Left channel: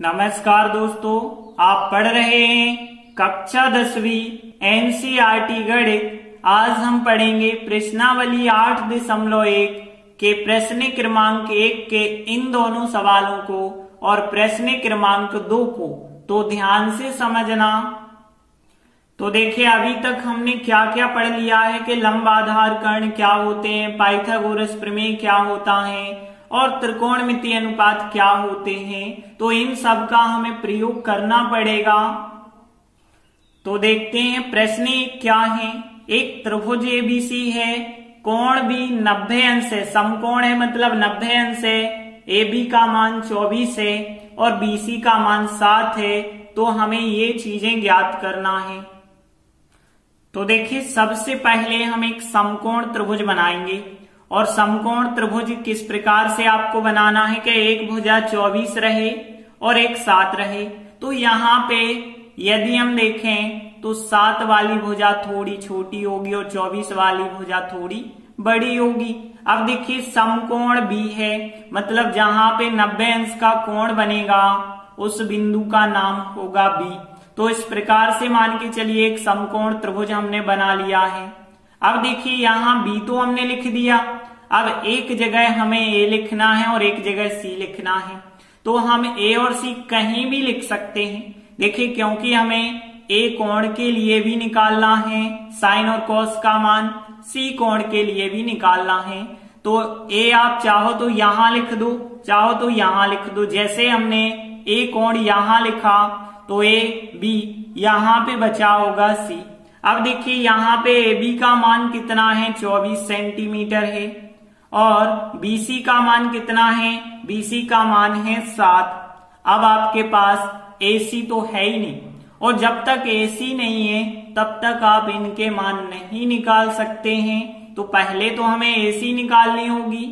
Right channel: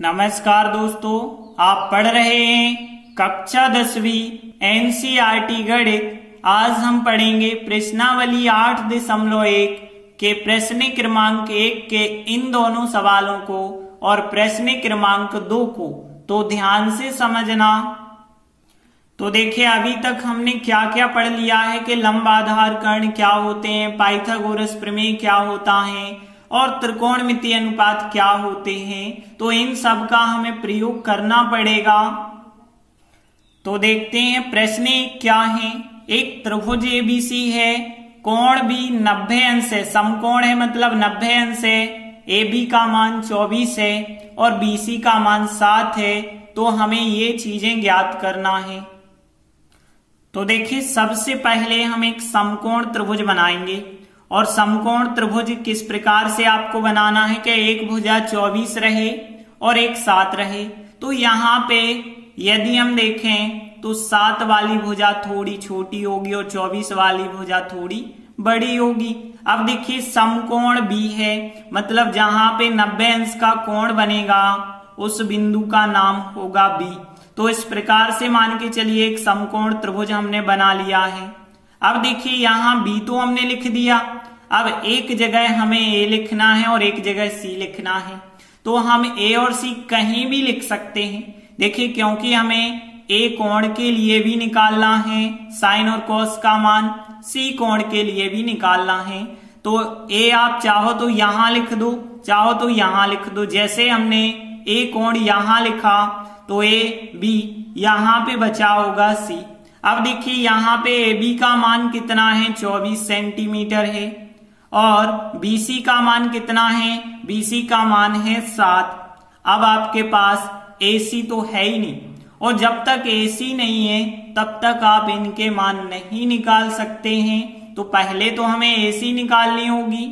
नमस्कार दोस्तों, आप पढ़ रहे हैं कक्षा 10वीं एनसीईआरटी गणित। आज हम पढ़ेंगे प्रश्नावली 8.1 के प्रश्न क्रमांक 1 के इन दोनों सवालों को और प्रश्न क्रमांक 2 को। तो ध्यान से समझना। तो देखिए, अभी तक हमने क्या क्या पढ़ लिया है कि लंब आधार कर्ण क्या होते हैं, पाइथागोरस प्रमेय क्या होता है और त्रिकोणमितीय अनुपात क्या होते हैं। तो इन सब का हमें प्रयोग करना पड़ेगा। तो देखते हैं प्रश्न क्या है। एक त्रिभुज एबीसी है, कोण भी 90 अंश है, समकोण है मतलब 90 अंश है, AB का मान 24 है और BC का मान 7 है। तो हमें ये चीजें ज्ञात करना है। तो देखिए, सबसे पहले हम एक समकोण त्रिभुज बनाएंगे और समकोण त्रिभुज किस प्रकार से आपको बनाना है कि एक भुजा 24 रहे और एक 7 रहे। तो यहाँ पे यदि हम देखें तो 7 वाली भुजा थोड़ी छोटी होगी और 24 वाली भुजा थोड़ी बड़ी होगी। अब देखिए, समकोण भी है मतलब जहां पे 90 अंश का कोण बनेगा उस बिंदु का नाम होगा B। तो इस प्रकार से मान के चलिए एक समकोण त्रिभुज हमने बना लिया है। अब देखिए, यहाँ B तो हमने लिख दिया। अब एक जगह हमें A लिखना है और एक जगह C लिखना है। तो हम A और C कहीं भी लिख सकते हैं। देखिए, क्योंकि हमें A कोण के लिए भी निकालना है साइन और कॉस का मान, C कोण के लिए भी निकालना है। तो A आप चाहो तो यहां लिख दो, चाहो तो यहां लिख दो। जैसे हमने A कोण यहां लिखा तो A B यहां पे बचा होगा C। अब देखिए, यहाँ पे AB का मान कितना है, 24 सेंटीमीटर है और BC का मान कितना है, BC का मान है 7। अब आपके पास AC तो है ही नहीं और जब तक AC नहीं है तब तक आप इनके मान नहीं निकाल सकते हैं। तो पहले तो हमें AC निकालनी होगी।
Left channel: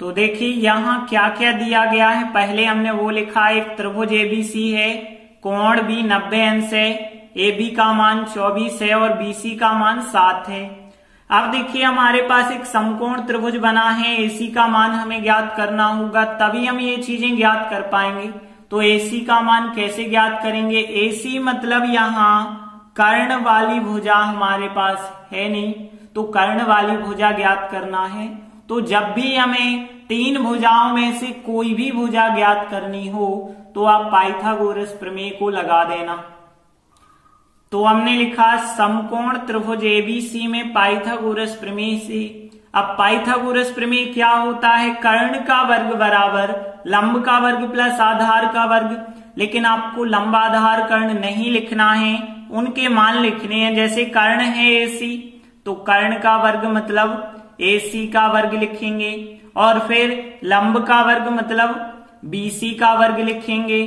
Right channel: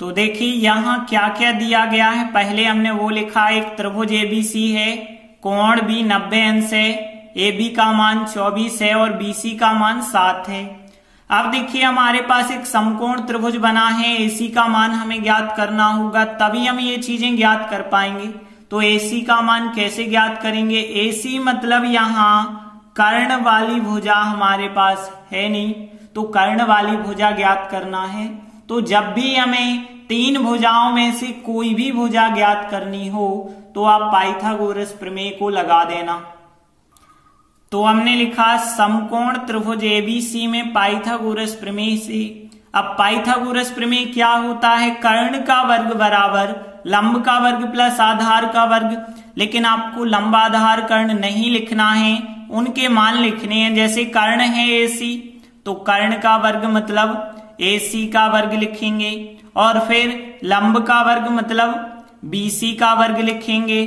तो देखिए, यहाँ क्या क्या दिया गया है। पहले हमने वो लिखा, एक त्रिभुज ABC है, कोण भी 90 अंश है, AB का मान 24 है और BC का मान 7 है। अब देखिए, हमारे पास एक समकोण त्रिभुज बना है, AC का मान हमें ज्ञात करना होगा, तभी हम ये चीजें ज्ञात कर पाएंगे। तो AC का मान कैसे ज्ञात करेंगे। AC मतलब यहाँ कर्ण वाली भुजा हमारे पास है नहीं, तो कर्ण वाली भुजा ज्ञात करना है। तो जब भी हमें 3 भुजाओं में से कोई भी भुजा ज्ञात करनी हो तो आप पाइथागोरस प्रमेय को लगा देना। तो हमने लिखा समकोण त्रिभुज ABC में पाइथागोरस प्रमेय से। अब पाइथागोरस प्रमेय क्या होता है, कर्ण का वर्ग बराबर लंब का वर्ग प्लस आधार का वर्ग। लेकिन आपको लंब आधार कर्ण नहीं लिखना है, उनके मान लिखने हैं। जैसे कर्ण है AC, तो कर्ण का वर्ग मतलब AC का वर्ग लिखेंगे और फिर लंब का वर्ग मतलब BC का वर्ग लिखेंगे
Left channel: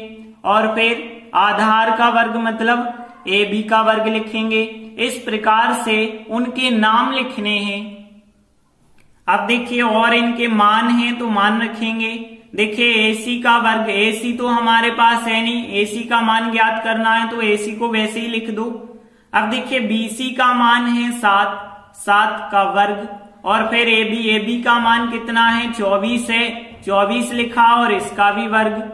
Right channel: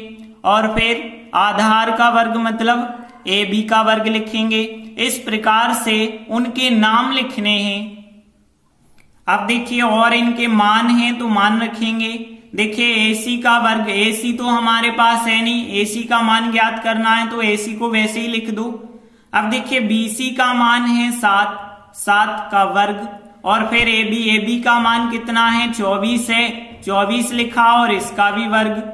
और फिर आधार का वर्ग मतलब AB का वर्ग लिखेंगे। इस प्रकार से उनके नाम लिखने हैं। अब देखिए, और इनके मान हैं तो मान रखेंगे। देखिए, AC का वर्ग, AC तो हमारे पास है नहीं, AC का मान ज्ञात करना है तो AC को वैसे ही लिख दो। अब देखिए, BC का मान है 7, 7 का वर्ग और फिर AB का मान कितना है, 24 है, 24 लिखा और इसका भी वर्ग।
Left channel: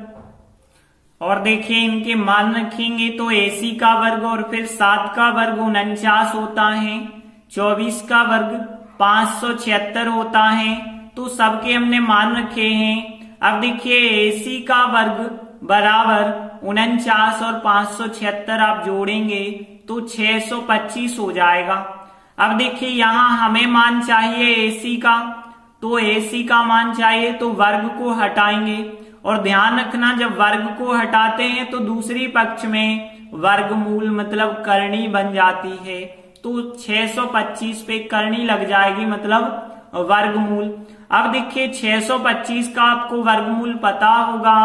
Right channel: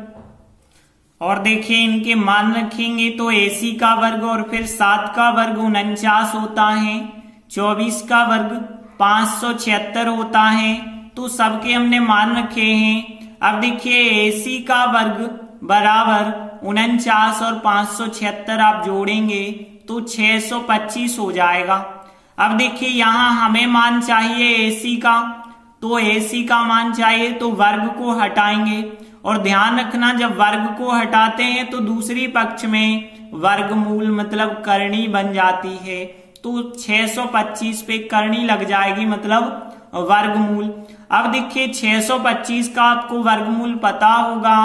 और देखिए, इनके मान रखेंगे तो AC का वर्ग और फिर 7 का वर्ग 49 होता है, 24 का वर्ग 576 होता है। तो सबके हमने मान रखे हैं। अब देखिए, AC का वर्ग बराबर 49 और 576 आप जोड़ेंगे तो 625 हो जाएगा। अब देखिए, यहाँ हमें मान चाहिए AC का, तो AC का मान चाहिए तो वर्ग को हटाएंगे। और ध्यान रखना, जब वर्ग को हटाते हैं तो दूसरी पक्ष में वर्गमूल मतलब करनी बन जाती है। तो 625 पे करनी लग जाएगी मतलब वर्गमूल। अब देखिए, 625 का आपको वर्गमूल पता होगा।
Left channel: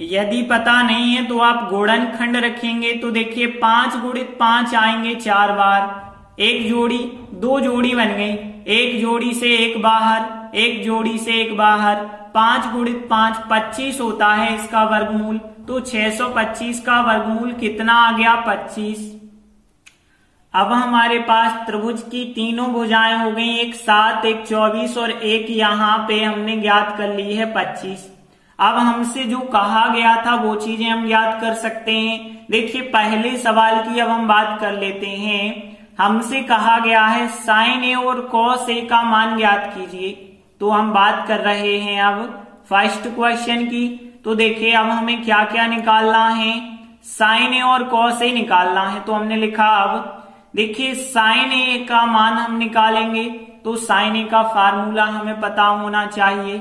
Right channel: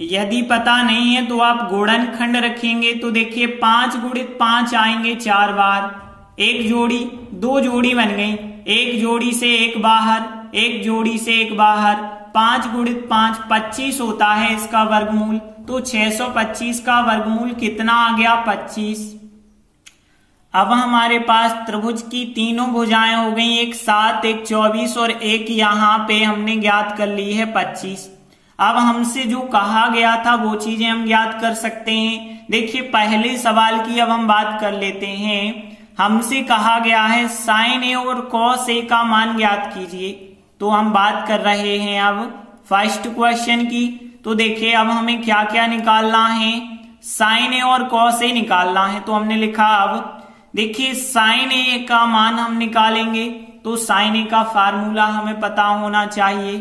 यदि पता नहीं है तो आप गुणनखंड रखेंगे। तो देखिए, 5 गुणित 5 आएंगे 4 बार, एक जोड़ी 2 जोड़ी बन गई, एक जोड़ी से एक बाहर, एक जोड़ी से एक बाहर, 5 गुणित 5 25 होता है इसका वर्गमूल। तो 625 का वर्गमूल कितना आ गया, 25। अब हमारे पास त्रिभुज की तीनों भुजाएं हो गई, एक 7, एक 24 और एक यहाँ पे हमने ज्ञात कर ली है 25। अब हमसे जो कहा गया था वो चीजें हम याद कर सकते हैं। देखिए पहले सवाल की अब हम बात कर लेते हैं। हमसे कहा गया है साइन ए और कॉस ए का मान ज्ञात कीजिए। तो हम बात कर रहे हैं अब फर्स्ट क्वेश्चन की। तो देखिए अब हमें क्या क्या निकालना है, साइन ए और कॉस ए निकालना है। तो हमने लिखा अब देखिए साइन ए का मान हम निकालेंगे तो साइन ए का फार्मूला हमें पता होना चाहिए,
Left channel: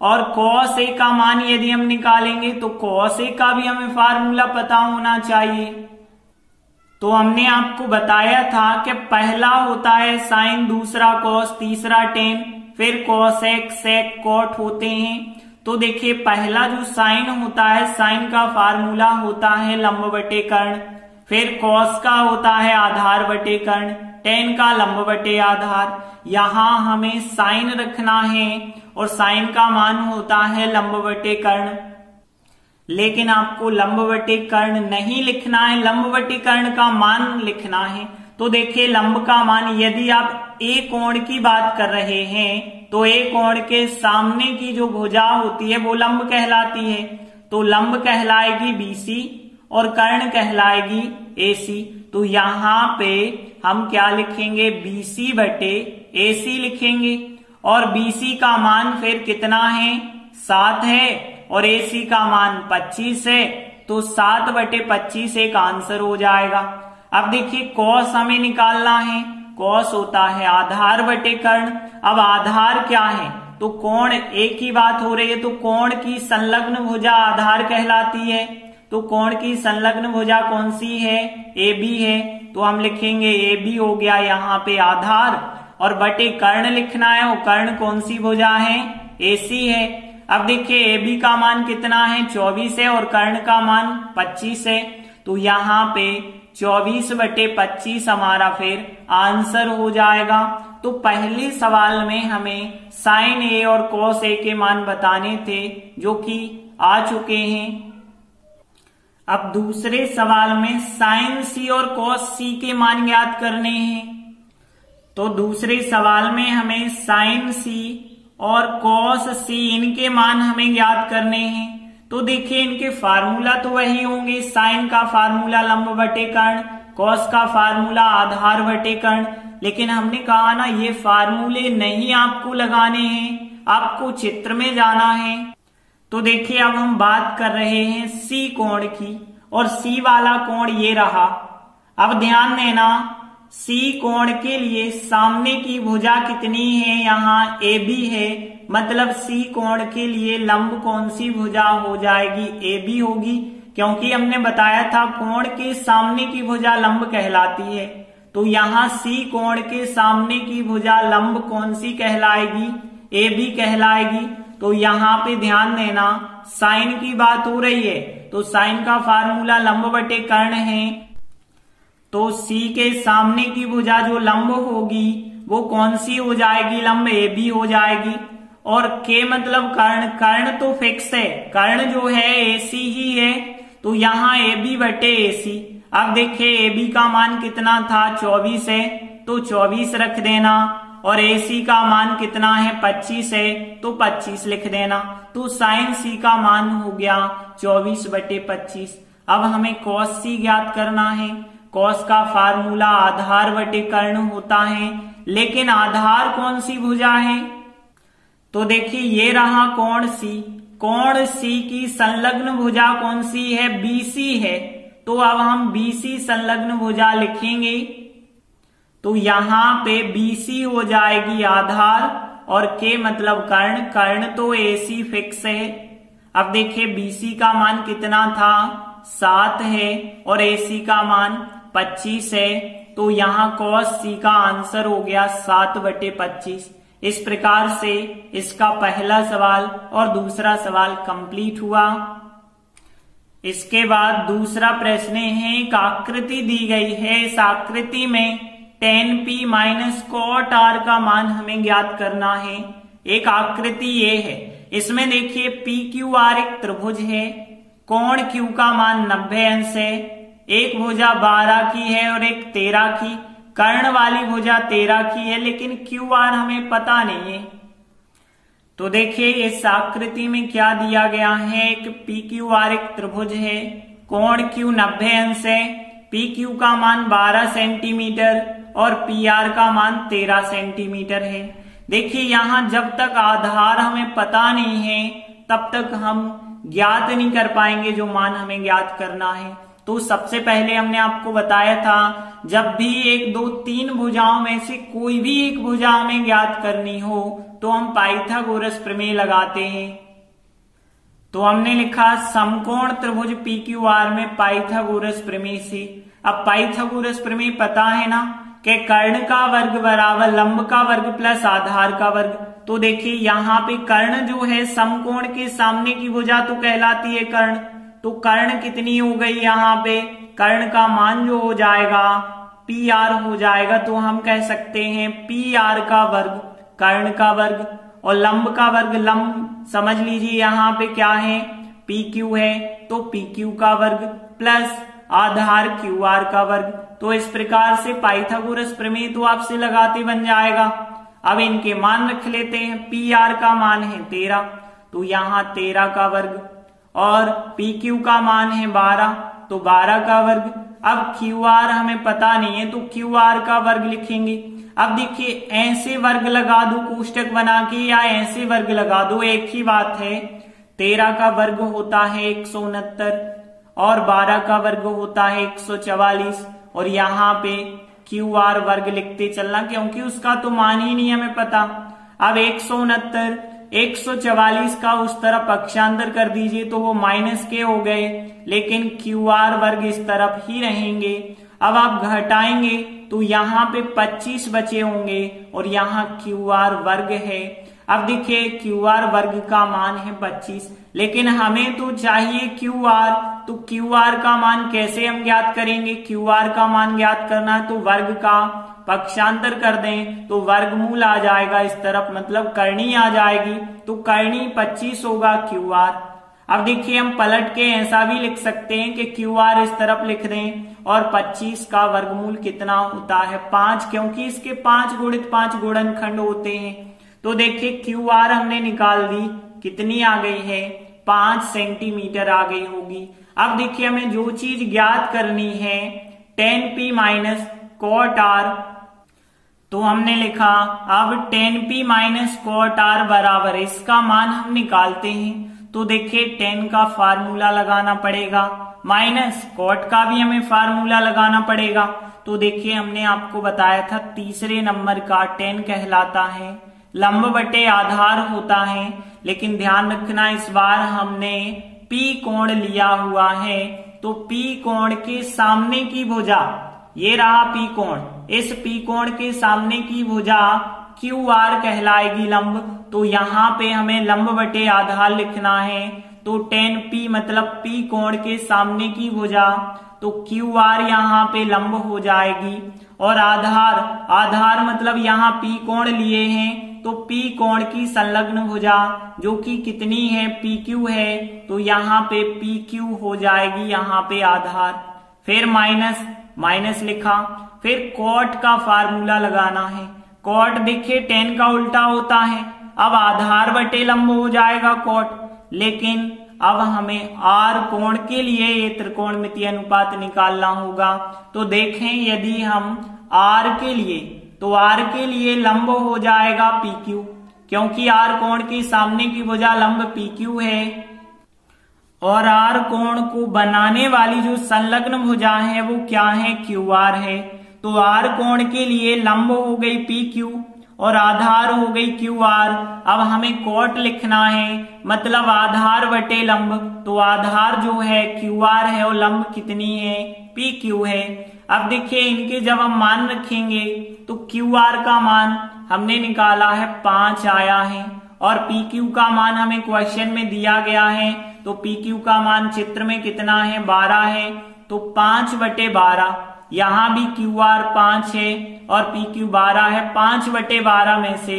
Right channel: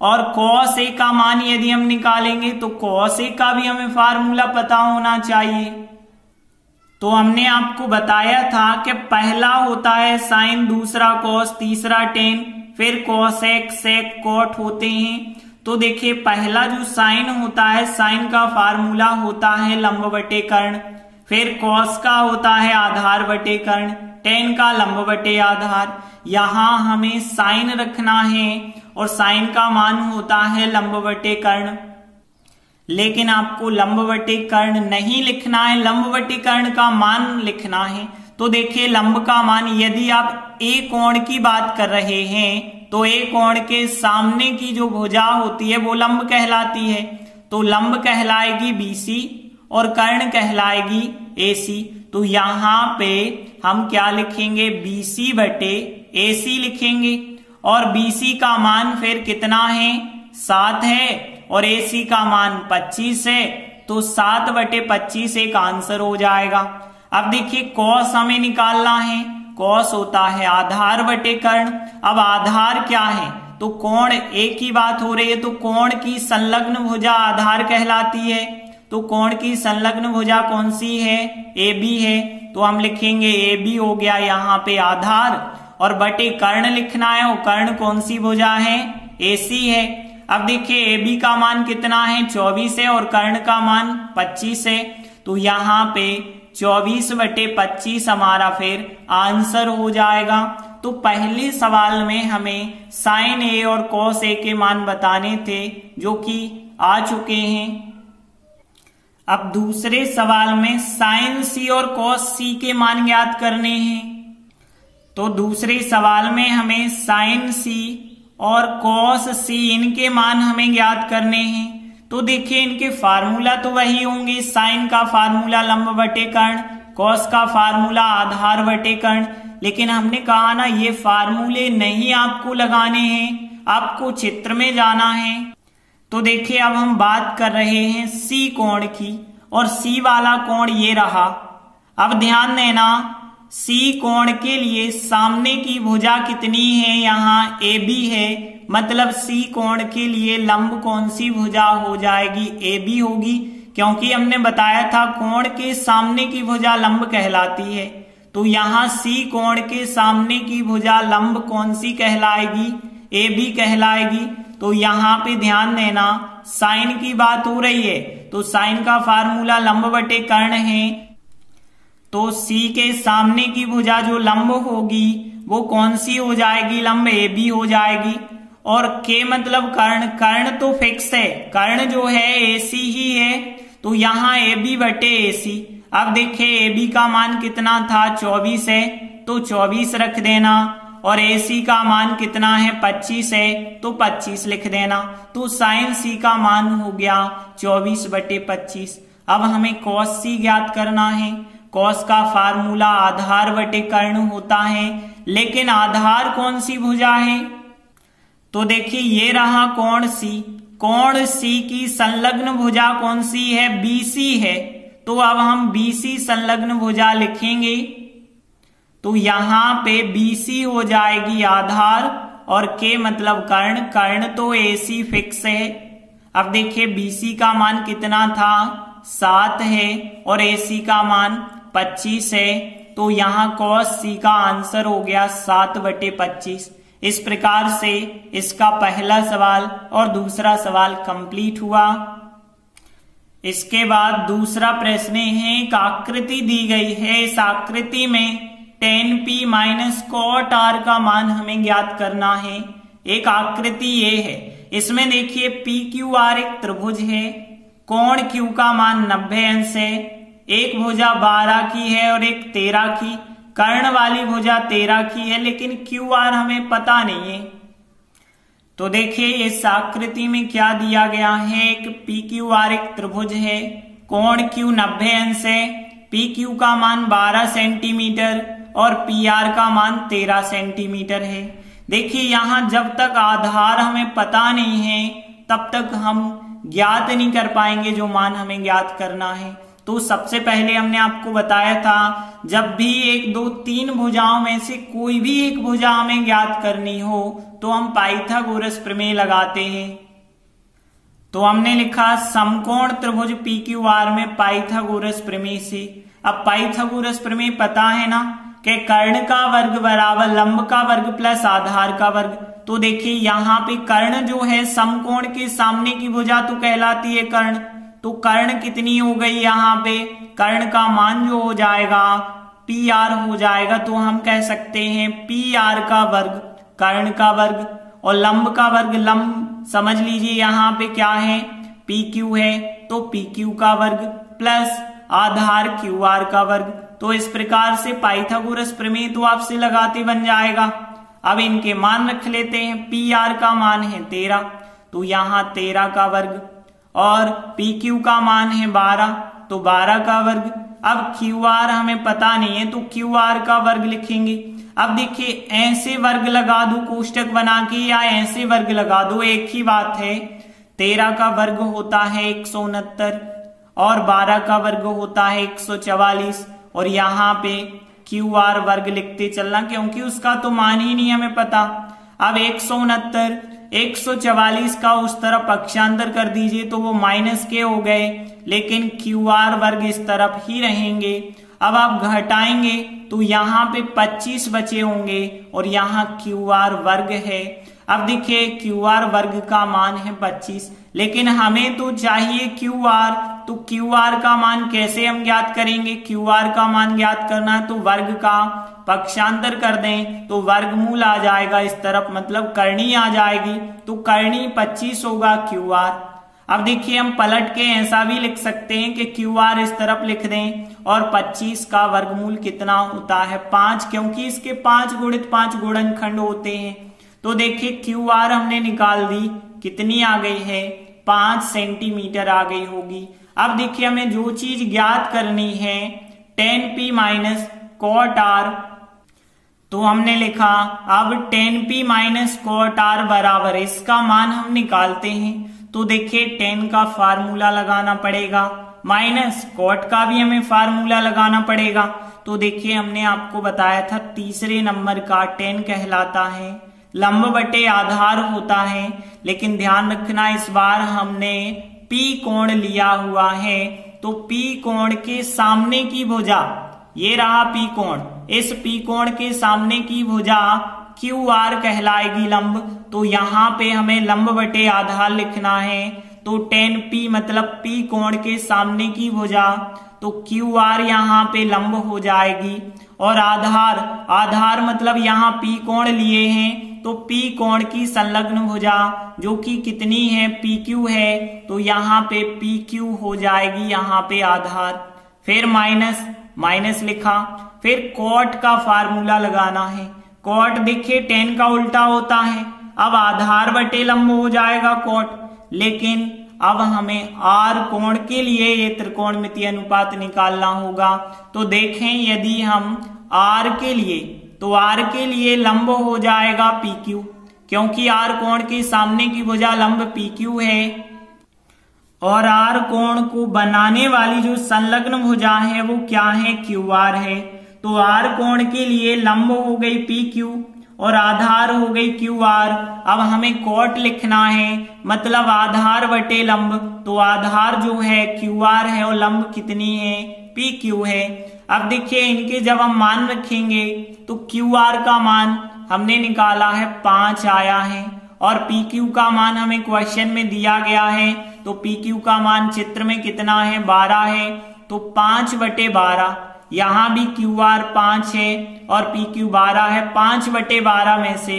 और कॉस ए का मान यदि हम निकालेंगे तो कॉस ए का भी हमें फार्मूला पता होना चाहिए। तो हमने आपको बताया था कि पहला होता है साइन, दूसरा कॉस, तीसरा टेन, फिर कॉसेक, सेक, कॉट होते हैं। तो देखिए पहला जो साइन होता है, साइन का फार्मूला होता है लंब बटे कर्ण, फिर कॉस का होता है आधार बटे कर्ण, टेन का लंब बटे आधार। यहां हमें साइन रखना है और साइन का मान होता है लंब बटे कर्ण, लेकिन आपको लंब बटे कर्ण नहीं लिखना है, लंब बटे कर्ण का मान लिखना है। तो देखिए लंब का मान, यदि आप ए कोण की बात कर रहे हैं तो ए कोण के सामने की जो भुजा होती है वो लंब कहलाती है। तो लंब कहलाएगी बीसी और कर्ण कहलाएगी एसी। तो यहां पे हम क्या लिखेंगे, बीसी बटे एसी लिखेंगे, और बीसी का मान फिर कितना है, 7 है, और एसी का मान 25 है। तो 7 बटे 25 एक आंसर हो जाएगा। अब देखिए कॉस हमें निकालना है, कॉस होता है आधार बटे कर्ण। अब आधार क्या है, तो कोण ए की बात हो रही है तो कोण की संलग्न भुजा आधार कहलाती है। तो कोण की संलग्न भुजा कौन सी है, ए बी है। तो हम लिखेंगे ए बी हो गया यहाँ पे आधार, और बटे कर्ण लिखना है, और कर्ण कौन सी भुजा है, एसी है। अब देखिए ए बी का मान कितना है, 24 है, और कर्ण का मान 25 है। तो यहाँ पे 24 बटे 25 हमारा फिर आंसर हो जाएगा। तो पहले सवाल में हमें साइन ए और कॉस ए के मान बताने थे जो कि आ चुके हैं। अब दूसरे सवाल में साइन सी और कॉस सी के मान ज्ञात करने हैं। तो दूसरे सवाल में हमें साइन सी और कॉस सी इनके मान हमें ज्ञात करने हैं। तो देखिए इनके फार्मूला तो वही होंगे, साइन का फार्मूला लंब बटे कर्ण, कॉस का फार्मूला आधार बटे कर्ण। लेकिन हमने कहा ना ये फार्मूले नहीं आपको लगाने हैं, आपको चित्र में जाना है। तो देखिए अब हम बात कर रहे हैं सी कोण की, और सी वाला कोण ये रहा। अब ध्यान देना, सी कोण के लिए सामने की भुजा कितनी है, यहाँ ए बी है, मतलब सी कोण के लिए लंब कौन सी भुजा हो जाएगी, ए बी होगी, क्योंकि हमने बताया था कोण के सामने की भुजा लंब कहलाती है। तो यहाँ सी कोण के सामने की भुजा लंब कौन सी कहलाएगी, ए बी कहलाएगी। तो यहाँ पे ध्यान देना, साइन की बात हो रही है तो साइन का फार्मूला लंब बटे कर्ण है। तो सी के सामने की भुजा जो लंब होगी वो कौन सी हो जाएगी, लंब ए बी हो जाएगी। और के मतलब कर्ण, कर्ण तो फिक्स है, कर्ण जो है एसी ही है। तो यहाँ ए बी बटे एसी। अब देखिए ए बी का मान कितना था, 24 है, तो 24 रख देना, और एसी का मान कितना है, 25 है, तो 25 लिख देना। तो साइन सी का मान हो गया 24 बटे 25। अब हमें कॉस सी ज्ञात करना है। कॉस का फार्मूला आधार बटे कर्ण होता है, लेकिन आधार कौन सी भुजा है, तो देखिए ये रहा कोण सी। कोण सी की संलग्न भुजा कौन सी है, बीसी है। तो अब हम बीसी संलग्न भुजा लिखेंगे। तो यहाँ पे बीसी हो जाएगी आधार, और के मतलब कर्ण, कर्ण तो एसी फिक्स है। अब देखिए बीसी का मान कितना था, 7 है, और एसी का मान 25 है। तो यहाँ कॉस सी का आंसर हो गया 7 बटे 25। इस प्रकार से इसका पहला सवाल और दूसरा सवाल कंप्लीट हुआ। इसके बाद दूसरा प्रश्न है, एक आकृति दी गई है, इस आकृति में tan p minus cot r का मान हमें ज्ञात करना है। एक आकृति ये है, इसमें देखिए पी क्यू आर एक त्रिभुज है, कोण Q का मान 90 अंश है, एक भुजा 12 की है और एक 13 की, कर्ण वाली भुजा 13 की है, लेकिन क्यू आर हमें पता नहीं है। तो देखिए इस आकृति में क्या दिया गया है, एक पी क्यू आर एक त्रिभुज है, कोण क्यू 90 अंश है, पी क्यू का मान 12 सेंटीमीटर और पी आर का मान 13 सेंटीमीटर है। देखिए यहां जब तक आधार हमें पता नहीं है तब तक हम ज्ञात नहीं कर पाएंगे जो मान हमें ज्ञात करना है। तो सबसे पहले हमने आपको बताया था जब भी 1, 2, 3 भुजाओं में से कोई भी एक भुजा हमें ज्ञात करनी हो तो हम पाइथागोरस प्रमेय लगाते हैं। तो हमने लिखा समकोण त्रिभुज पी क्यू आर में पाइथागोरस प्रमेय से। अब पाइथागोरस प्रमेय पता है ना कि कर्ण का वर्ग बराबर लंब का वर्ग प्लस आधार का वर्ग। तो देखिए यहाँ पे कर्ण जो है समकोण के सामने की भुजा तो कहलाती है कर्ण। तो कर्ण कितनी हो गई, यहाँ पे कर्ण का मान जो हो जाएगा पी आर हो जाएगा। तो हम कह सकते हैं पी आर का वर्ग कर्ण का वर्ग और लंब का वर्ग लंब समझ लीजिए यहाँ पे क्या है पी क्यू है, तो पी क्यू का वर्ग प्लस आधार क्यू आर का वर्ग। तो इस प्रकार से पाइथागोरस प्रमेय तो आपसे लगाते बन जाएगा। अब इनके मान रख लेते हैं। पी आर का मान है 13, तो यहाँ 13 का वर्ग और पी क्यू का मान है 12, तो 12 का वर्ग। अब क्यू आर हमें पता नहीं है तो क्यू आर का वर्ग लिखेंगे। अब देखिए ऐसे वर्ग लगा दो कोष्टक बना के या ऐसे वर्ग लगा दो, एक ही बात है। 13 का वर्ग होता है 169 और 12 का वर्ग होता है 144 और यहाँ पे क्यू आर वर्ग लिखते चलना क्योंकि उसका तो मान ही नहीं हमें पता। अब 169 144 का उस तरफ पक्षांतर कर दीजिए तो वो माइनस के हो गए, लेकिन क्यू आर वर्ग इस तरफ ही रहेंगे। अब आप घटाएंगे तो यहाँ पे 25 बचे होंगे और यहाँ क्यू आर वर्ग है। अब देखिए क्यू आर वर्ग का मान है 25, लेकिन हमें तो चाहिए क्यू आर। तो क्यू आर का मान कैसे हम ज्ञात करेंगे, क्यू आर का मान ज्ञात करना है तो वर्ग का पक्षांतर कर दें तो वर्गमूल आ जाएगा इस तरफ, मतलब करनी आ जाएगी। तो करनी 25 होगा क्यू आर। अब देखिए हम पलट के ऐसा भी लिख सकते हैं कि क्यू आर इस तरफ लिख दें और 25 का वर्गमूल कितना होता है 5, क्योंकि इसके 5 गुणित 5 गुणनखंड होते हैं। तो देखिए क्यू आर हमने निकाल दी, कितनी आ गई है 5 सेंटीमीटर आ गई होगी। अब देखिए हमें जो चीज ज्ञात करनी है tan p minus cot R, तो हमने लिखा अब tan p minus cot R बराबर इसका मान हम निकालते हैं। तो देखिए tan का फार्मूला लगाना पड़ेगा, माइनस कॉट का भी हमें फार्मूला लगाना पड़ेगा। तो देखिए हमने आपको बताया था तीसरे नंबर का tan कहलाता है, लंब बटे आधार होता है, लेकिन ध्यान रखना इस बार हमने P कोण लिया हुआ है। तो P कोण के सामने की भुजा, ये रहा P कोण, इस P कोण के सामने की भुजा क्यू आर कहलाएगी लंब। तो यहाँ पे हमें लंब बटे आधार लिखना है। तो tan P मतलब P कोण के सामने की भुजा, तो क्यू आर यहाँ पे लंब हो जाएगी और आधार, आधार मतलब यहाँ P कोण लिए हैं तो P कोण की संलग्न भुजा जो कि कितनी है PQ है, तो यहाँ पे PQ हो जाएगी यहाँ पे आधार। फिर माइनस, माइनस लिखा, फिर कॉट का फार्मूला लगाना है। कॉट देखिए tan का उल्टा होता है, अब आधार बटे लंब हो जाएगा कॉट, लेकिन अब हमें आर कोण के लिए ये त्रिकोणमितीय अनुपात निकालना होगा। तो देखें यदि हम आर के लिए, तो आर के लिए लंब हो जाएगा PQ, क्योंकि आर कोण के सामने की भुजा लंब PQ है और आर कोण को बनाने वाली जो संलग्न भुजा है वो क्या है QR है। तो आर कोण के लिए लंब हो गई PQ और आधार हो गई QR। अब हमें कॉट लिखना है, मतलब आधार बटे लंब, तो आधार जो है QR है और लंब कितनी है PQ है। अब देखिए इनके जब हम मान रखेंगे तो QR का मान हमने निकाला है 5 आया है और PQ का मान हमें क्वेश्चन में दिया गया है। तो PQ का मान चित्र में कितना है 12 है, तो 5 बटे 12, यहाँ भी QR 5 है और PQ 12 है। 5 बटे 12 में से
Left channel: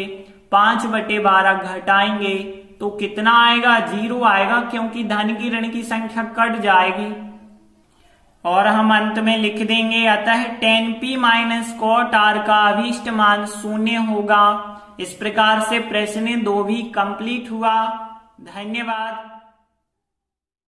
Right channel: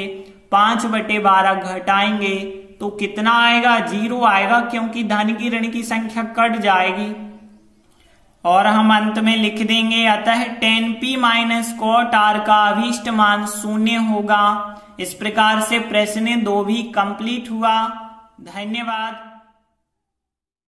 5 बटे 12 घटाएंगे तो कितना आएगा 0 आएगा, क्योंकि धन की ऋण की संख्या कट जाएगी और हम अंत में लिख देंगे अतः tan P minus cot R का अभीष्ट मान 0 होगा। इस प्रकार से प्रश्न 2 भी कंप्लीट हुआ। धन्यवाद।